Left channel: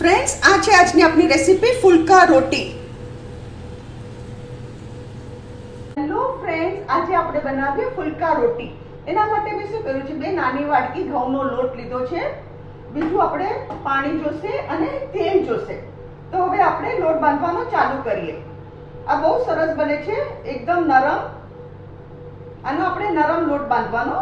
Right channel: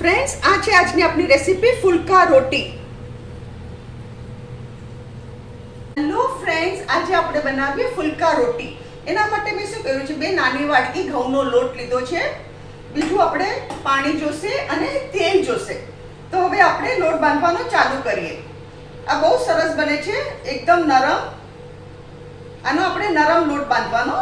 Friends, આ છે આજની આપણી રેસીપી ફુલકા રોટી. હેલો ફ્રેન્ડ્સ, આજે આપણે બનાવીએ ફુલકા રોટી. એના માટે મેં શું કર્યું છે, 2 નાની વાડકી ઘઉંનો લોટ લીધો છે. બીજું આપણે પાણી જોશે અને તેલ જોશે. તો હવે આપણે લોટ બાંધવાનો ચાલુ કરીએ. આ બહુ સરસ બને છે, એકદમ નરમ. આનો આપણે નરમ લોટ બાંધવાનો.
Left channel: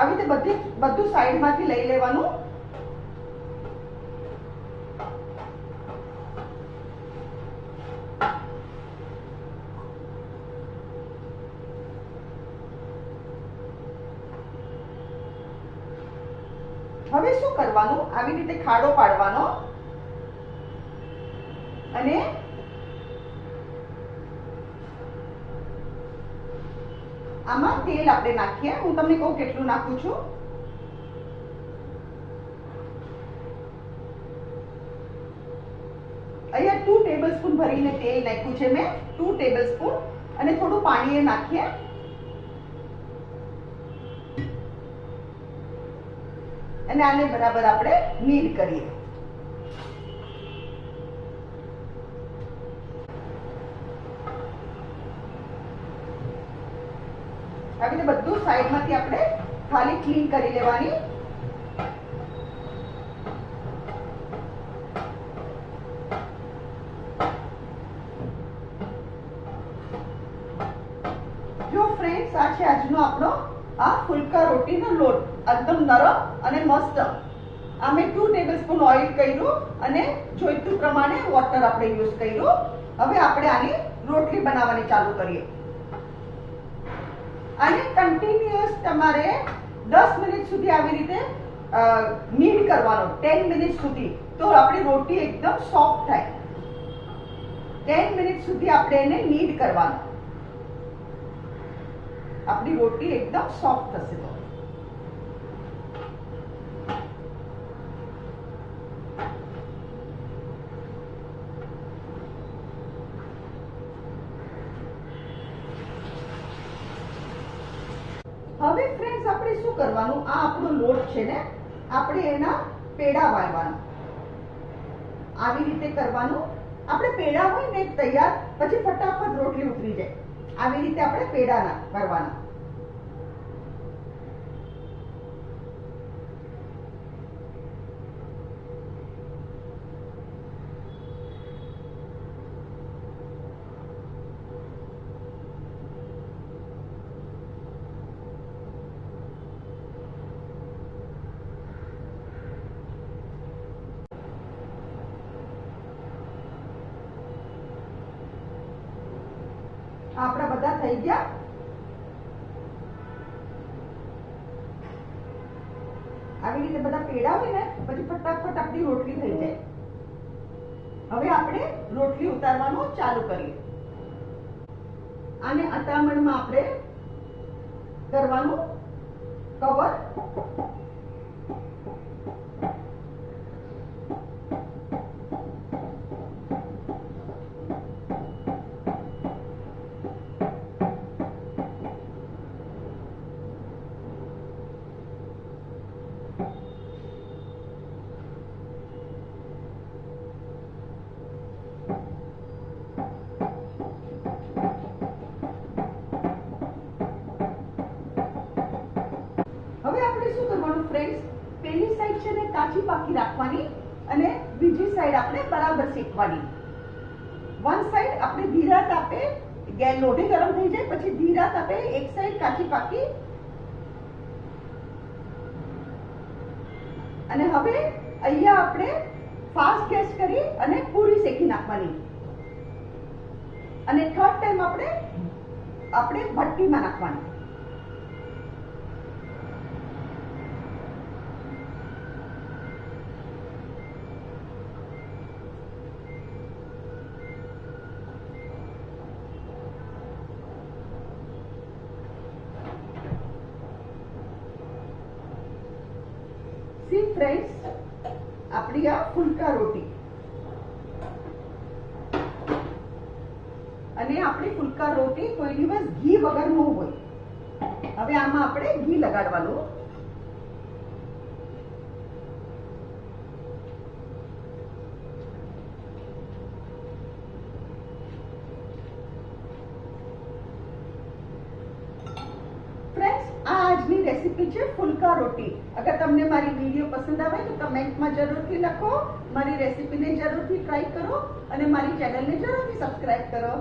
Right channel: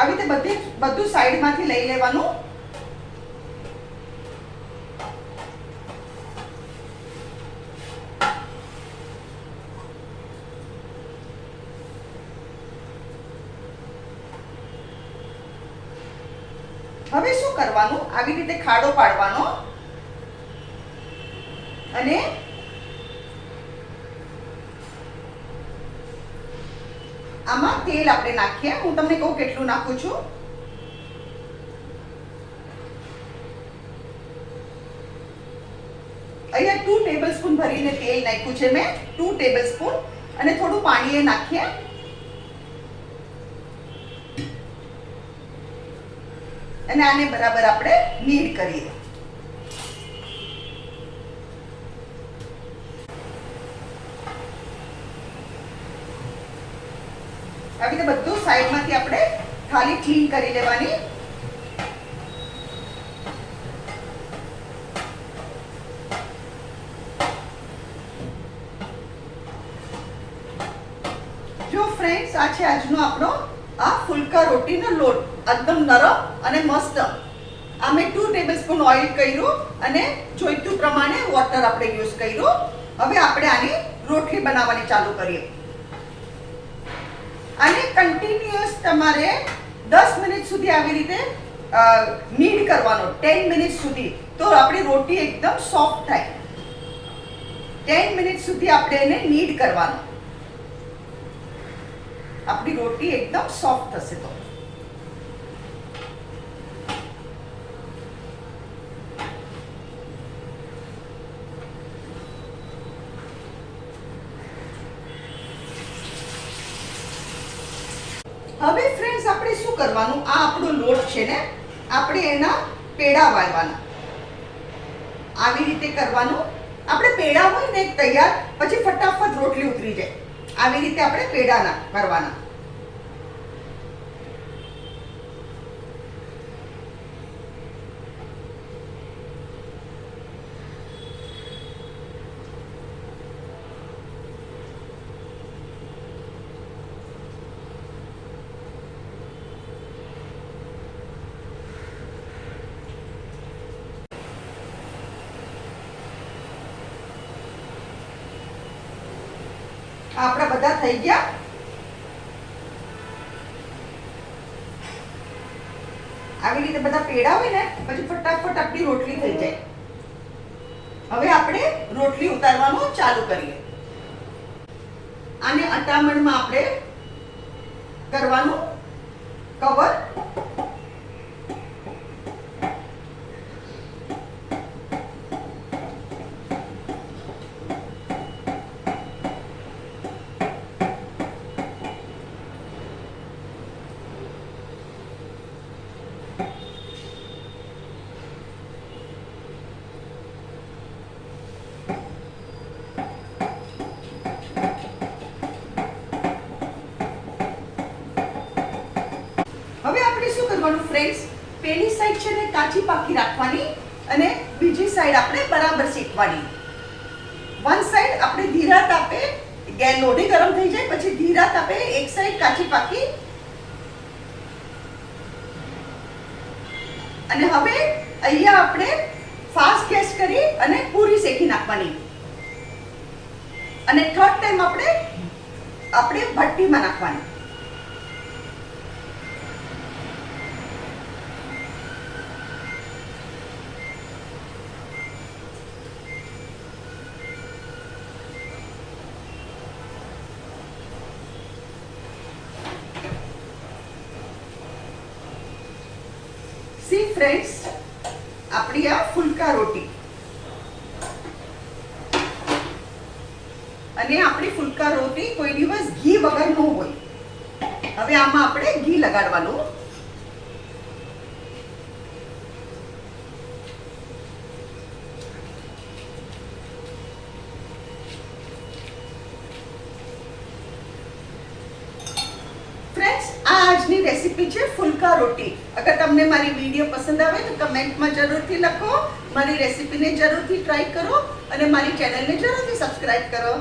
આવી રીતે બધું સાઈડમાંથી લઈ લેવાનું. હવે શું કરવાનું, આવી રીતે ખાડો પાડવાનો અને આમાં તેલ આપણે નાખીએ. હું તમને કહું કેટલું નાખું છું. અહીંયા 2 ટેબલસ્પૂન ભરીને તેલ નાખ્યું છે મેં, 2 ટેબલસ્પૂન. અને થોડું પાણી નાખીએ. અને આને બરાબર આપણે નીડ કરીએ. આવી રીતે બધું સાઈડમાંથી આપણે થાળી ક્લીન કરી લેવાની. જો ફ્રેન્ડ્સ, આ છે આજનો આપણો આ ફુલકા રોટીનો લોટ. એકદમ નરમ અને મસ્ત. આ મેં 2 ટેબલસ્પૂન ઓઇલ કર્યું અને જોઈતું પ્રમાણે વોટર આપણે યુઝ કર્યું. હવે આપણે આની રોટલી બનાવવાની ચાલુ કરીએ. આને કન્ટિન્યુઅસ તમારે 10 મિનિટ સુધી આવી રીતે નીડ કરવાનો, 10 મિનિટ સુધી. તો આપણી રોટી એકદમ સોફ્ટ થાય. 10 મિનિટ સુધી આપણે એને નીડ કરવાનો. આપણી રોટી એકદમ સોફ્ટ થશે. તો હવે ફ્રેન્ડ્સ, આપણે શું કરવાનું, આ આપણો લોટ છે ને, આપણે એના પેડા વાળવાના. આવી રીતે કરવાનું. આપણે પેડા હોય ને તૈયાર, પછી ફટાફટ રોટલી ઉતરી જાય. આવી રીતે આપણે પેડા કરવાના. આપણા બધા થઈ ગયા. આવી રીતે બધા પેડા હોય ને, પછી ફટાફટ આપણી રોટલી થઈ જાય. હવે આપણે રોટલી ઉતારવાનું ચાલુ કરીએ. આને અટામણમાં આપણે કરવાનું કવર. હવે આપણે શું કરવાનું ફ્રેન્ડ્સ, પેલી સાઈડ છે ને કાચી પાકી રાખવાની અને બીજી સાઈડ આપણે બરાબર શેકવાની. વન સાઈડ આપણે ધીરા તાપે, ગેસ લોઢી ગરમ થઈ જાય પછી ધીરા તાપે એક સાઈડ કાચી પાકી. અને હવે અહીંયા આપણે ફાસ્ટ ગેસ કરી અને પૂરી શેકી નાખવાની. અને થર્ડ ટાઈમ આપણે ભઠ્ઠીમાં નાખવાની. સી ફ્રેન્ડ્સ, આપણી આ ફુલકા રોટી, અને આપણી ફુલકા રોટી કોઈ દિવસ ઘી વગર ન હોય. હવે આમાં આપણે ઘી લગાડવાનું. ફ્રેન્ડ્સ, આ આજની રેસીપી છે ફુલકા રોટી. અગર તમને મારી વિડીયો પસંદ આવે તો કમેન્ટમાં જરૂરથી લખો. મારી રેસીપીને જરૂરથી ટ્રાય કરો અને મારી ચેનલને જરૂરથી સબસ્ક્રાઇબ કરો.